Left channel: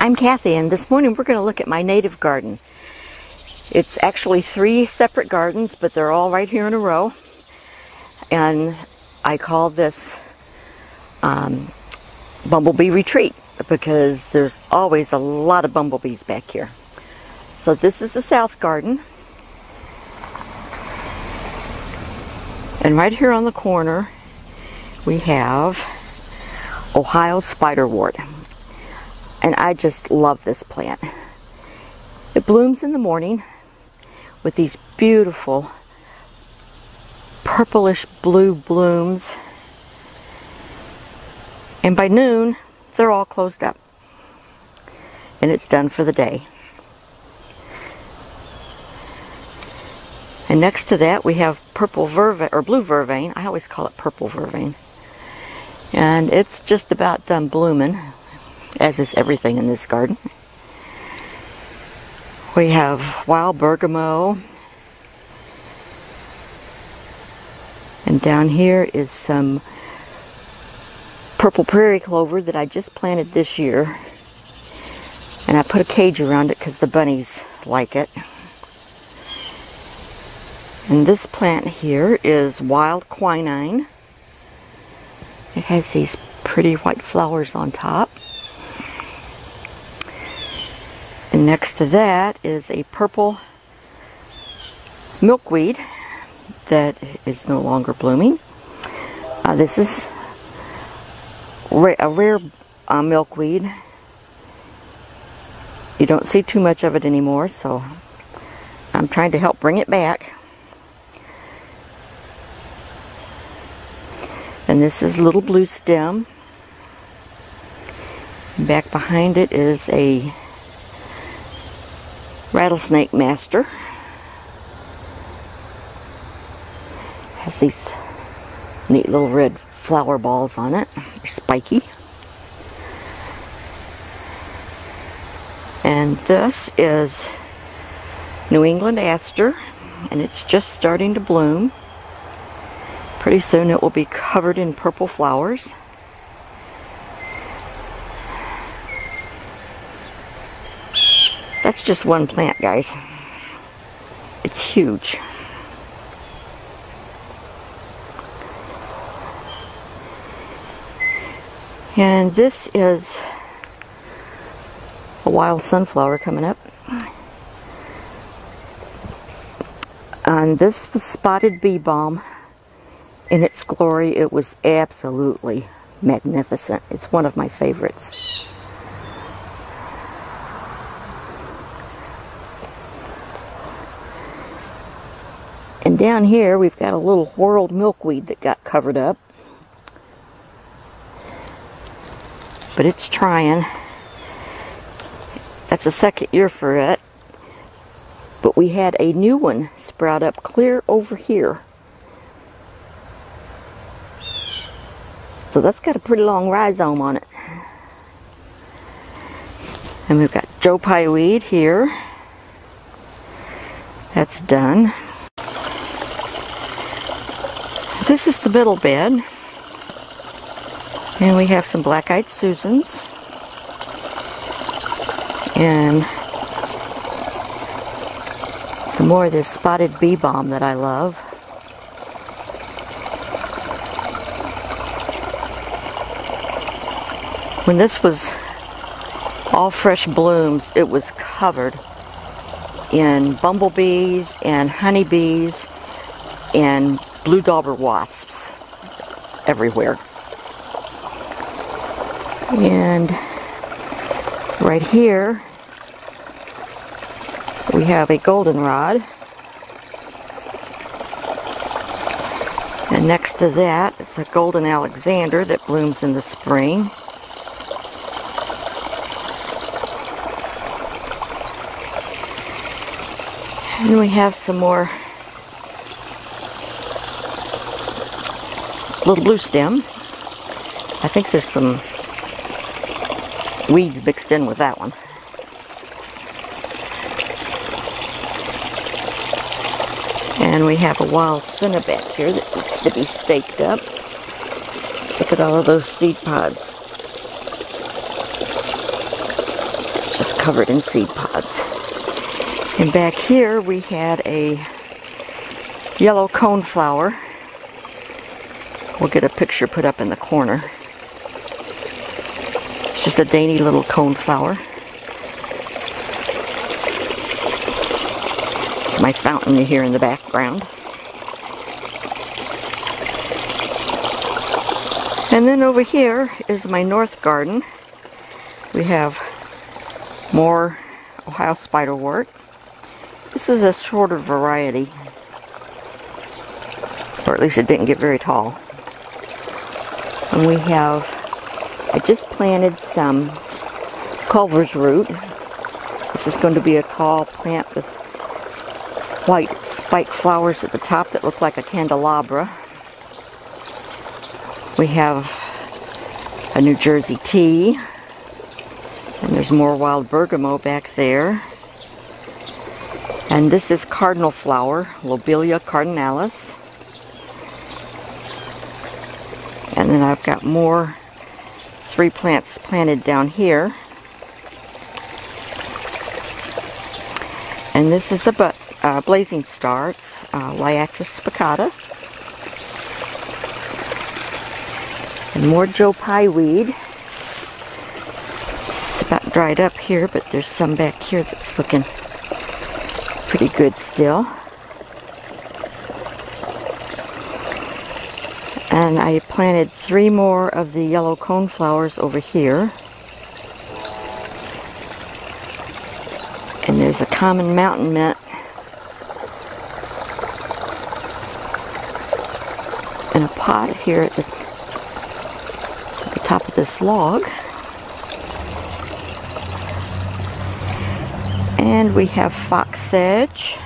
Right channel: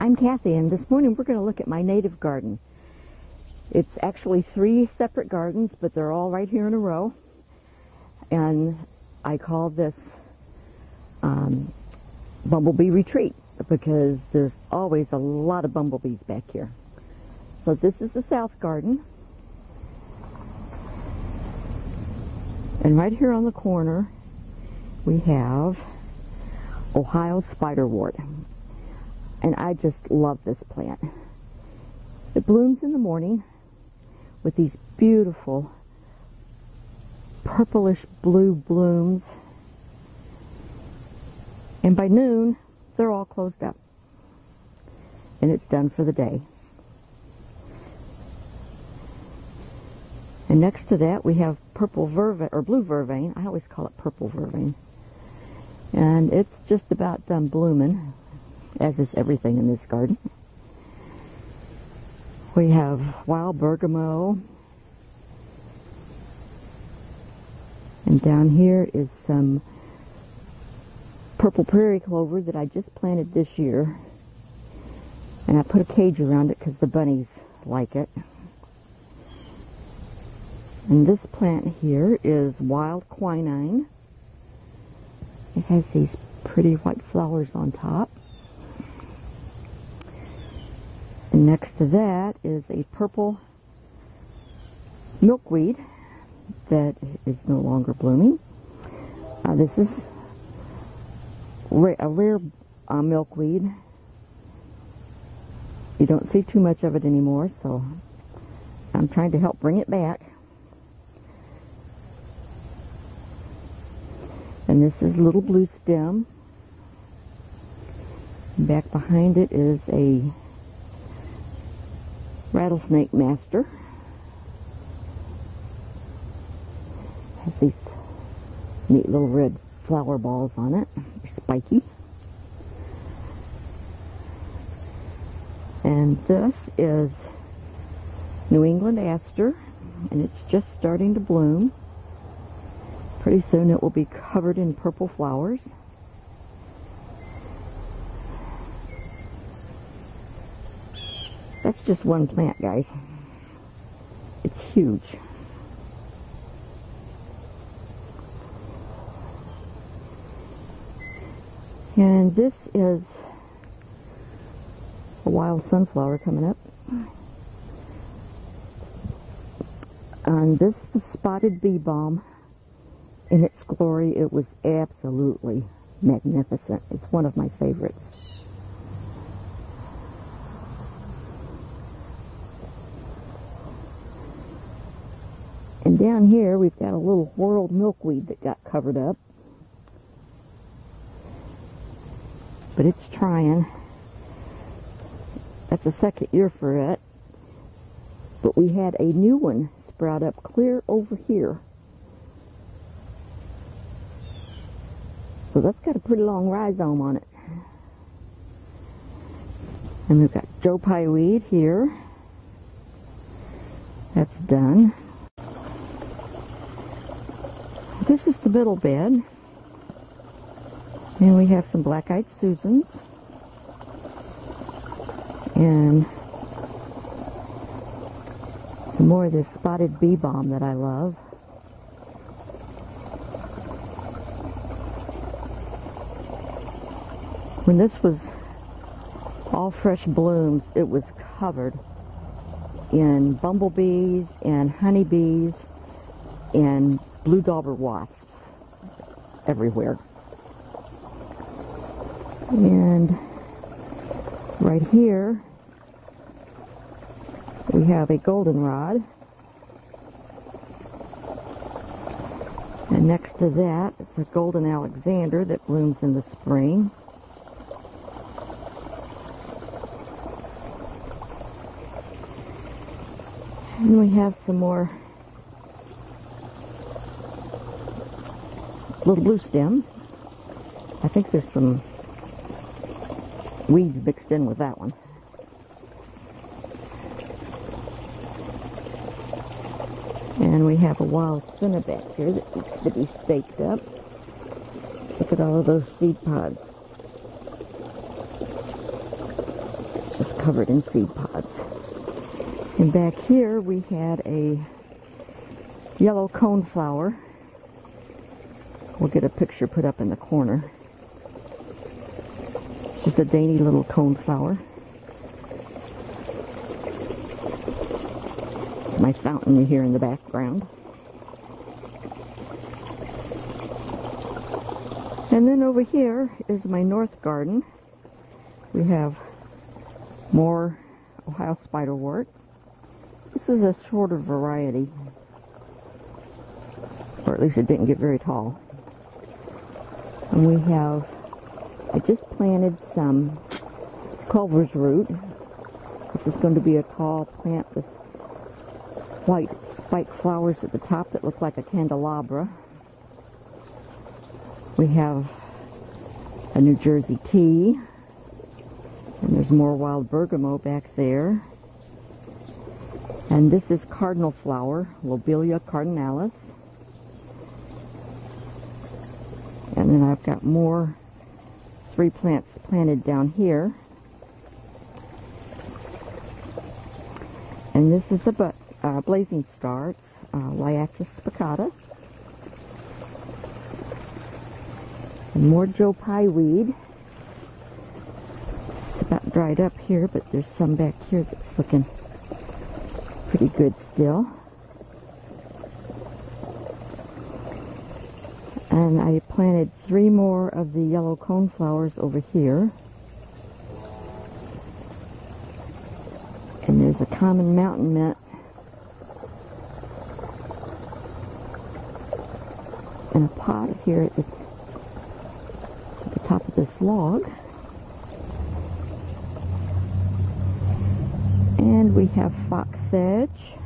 I'm Cathy, and this morning we're going to look at my native garden. It's actually 3 separate gardens, but they're all right here in a row. And I call this Bumble Bee Retreat because there's always a lot of bumblebees back here. So this is the south garden. And right here on the corner we have Ohio spiderwort. And I just love this plant. It blooms in the morning with these beautiful purplish blue blooms. And by noon, they're all closed up. And it's done for the day. And next to that, we have purple vervain, or blue vervain. I always call it purple vervain. And it's just about done blooming, as is everything in this garden. We have wild bergamot. And down here is some purple prairie clover that I just planted this year. And I put a cage around it because the bunnies like it. And this plant here is wild quinine. It has these pretty white flowers on top. And next to that is a purple milkweed that is no longer blooming. This is a rare milkweed. You don't see too much of it anymore, so I'm trying to help bring it back. And this is little blue stem. Back behind it is a rattlesnake master. Has these neat little red flower balls on it. They're spiky. And this is New England aster, and it's just starting to bloom. Pretty soon it will be covered in purple flowers. That's just one plant, guys. It's huge. And this is a wild sunflower coming up. And this was spotted bee balm. In its glory, it was absolutely magnificent. It's one of my favorites. And down here, we've got a little whorled milkweed that got covered up. But it's trying. That's the second year for it. But we had a new one sprout up clear over here. So that's got a pretty long rhizome on it. And we've got Joe Pye weed here. That's done. This is the middle bed. And we have some black-eyed Susans. And some more of this spotted bee balm that I love. When this was all fresh blooms, it was covered in bumblebees and honeybees and blue dauber wasps everywhere. And right here we have a goldenrod. And next to that is a golden Alexander that blooms in the spring. And we have some more little blue stem. I think there's some weeds mixed in with that one. And we have a wild senna back here that needs to be staked up. Look at all of those seed pods. covered in seed pods. And back here we had a yellow coneflower. We'll get a picture put up in the corner. It's just a dainty little coneflower. It's my fountain you hear in the background. And then over here is my north garden. We have more Ohio spiderwort. This is a shorter variety, or at least it didn't get very tall. And we have, I just planted some Culver's root. This is going to be a tall plant with white spiked flowers at the top that look like a candelabra. We have a New Jersey tea, and there's more wild bergamot back there. And this is cardinal flower, Lobelia cardinalis. And then I've got more 3 plants planted down here. And this is a blazing star, it's Liatris spicata. And more Joe Pye weed. It's about dried up here, but there's some back here that's looking pretty good still. And I planted 3 more of the yellow coneflowers over here. And there's a common mountain mint in a pot here at the top of this log. And we have fox sedge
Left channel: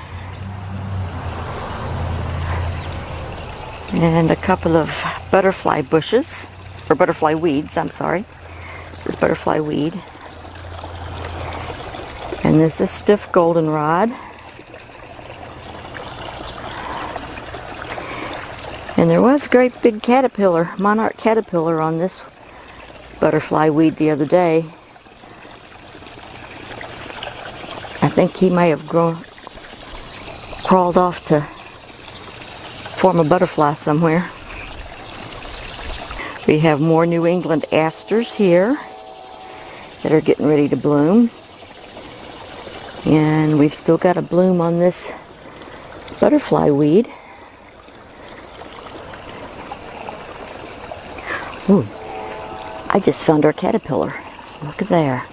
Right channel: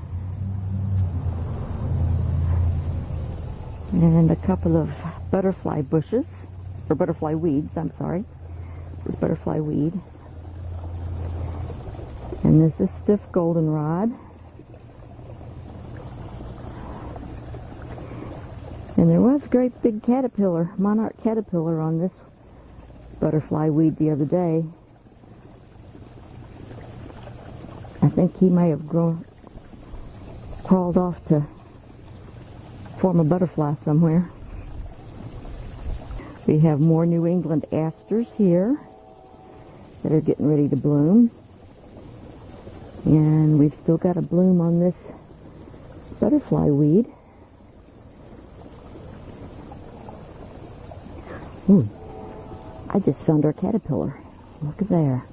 and a couple of butterfly bushes, or butterfly weeds, I'm sorry. This is butterfly weed. And this is stiff goldenrod. And there was a great big caterpillar, monarch caterpillar on this butterfly weed the other day. I think he may have crawled off to form a butterfly somewhere. We have more New England asters here that are getting ready to bloom. And we've still got a bloom on this butterfly weed. Ooh, I just found our caterpillar. Look at there.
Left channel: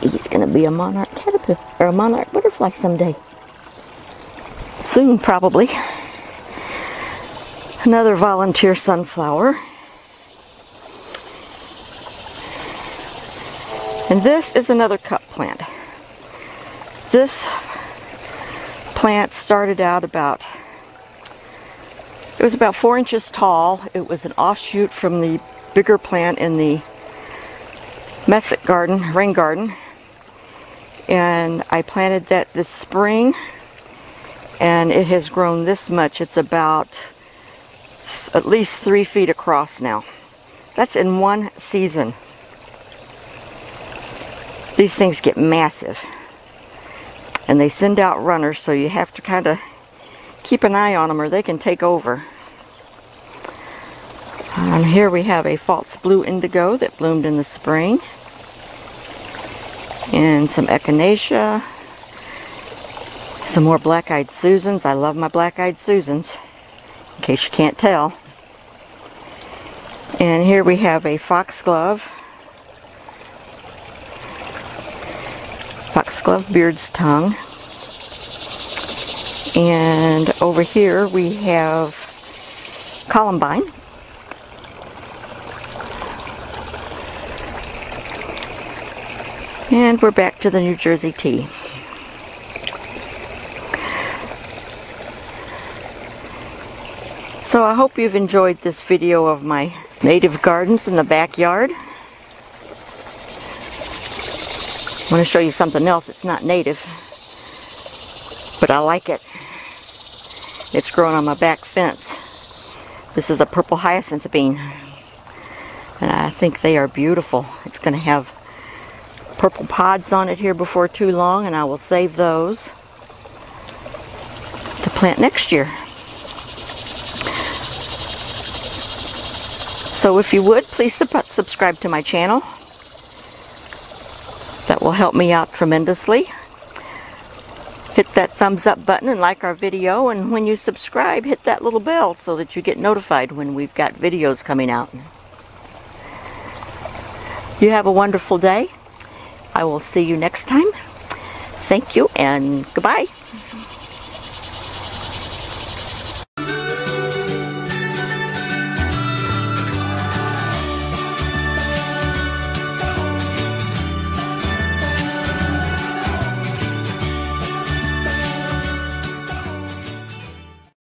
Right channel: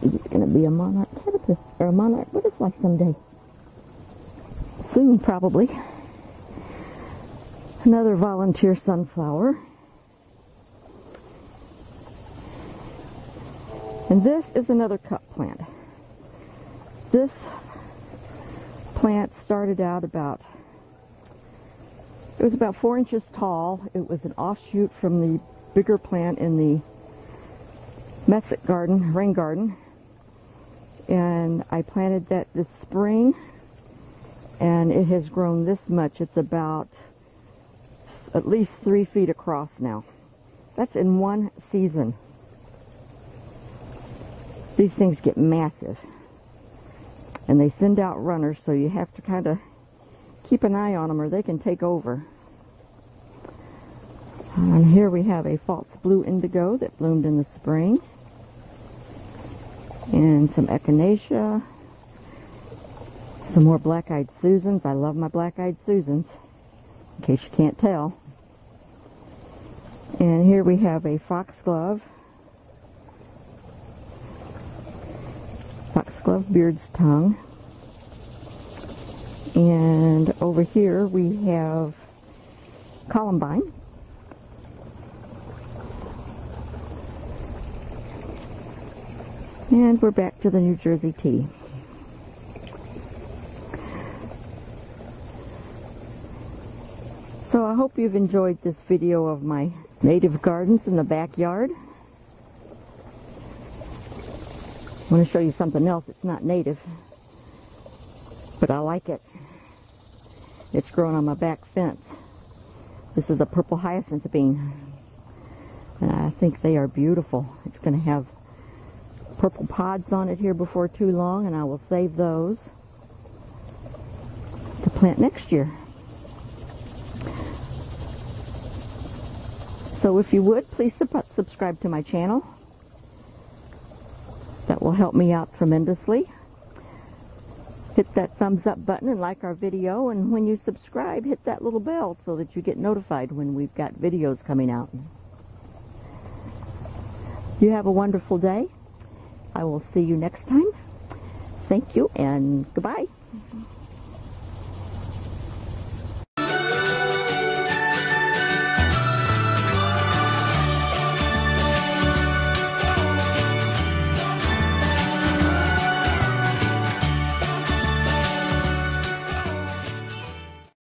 He's going to be a monarch caterpillar, or a monarch butterfly someday. Soon, probably. Another volunteer sunflower. And this is another cup plant. This plant started out it was about 4 inches tall. It was an offshoot from the bigger plant in the messick garden, rain garden. And I planted that this spring, and it has grown this much. It's about at least 3 feet across now. That's in one season. These things get massive, and they send out runners, so you have to kind of keep an eye on them or they can take over. And here we have a false blue indigo that bloomed in the spring, and some echinacea, some more black-eyed Susans. I love my black-eyed Susans, in case you can't tell. And here we have a foxglove beard's tongue. And over here we have columbine. And we're back to the New Jersey tea. So I hope you've enjoyed this video of my native gardens in the backyard. I want to show you something else. It's not native, but I like it. It's grown on my back fence. This is a purple hyacinth bean, and I think they are beautiful. It's going to have purple pods on it here before too long, and I will save those to plant next year. So if you would, please subscribe to my channel. That will help me out tremendously. Hit that thumbs up button and like our video, and when you subscribe, hit that little bell so that you get notified when we've got videos coming out. You have a wonderful day. I will see you next time. Thank you and goodbye.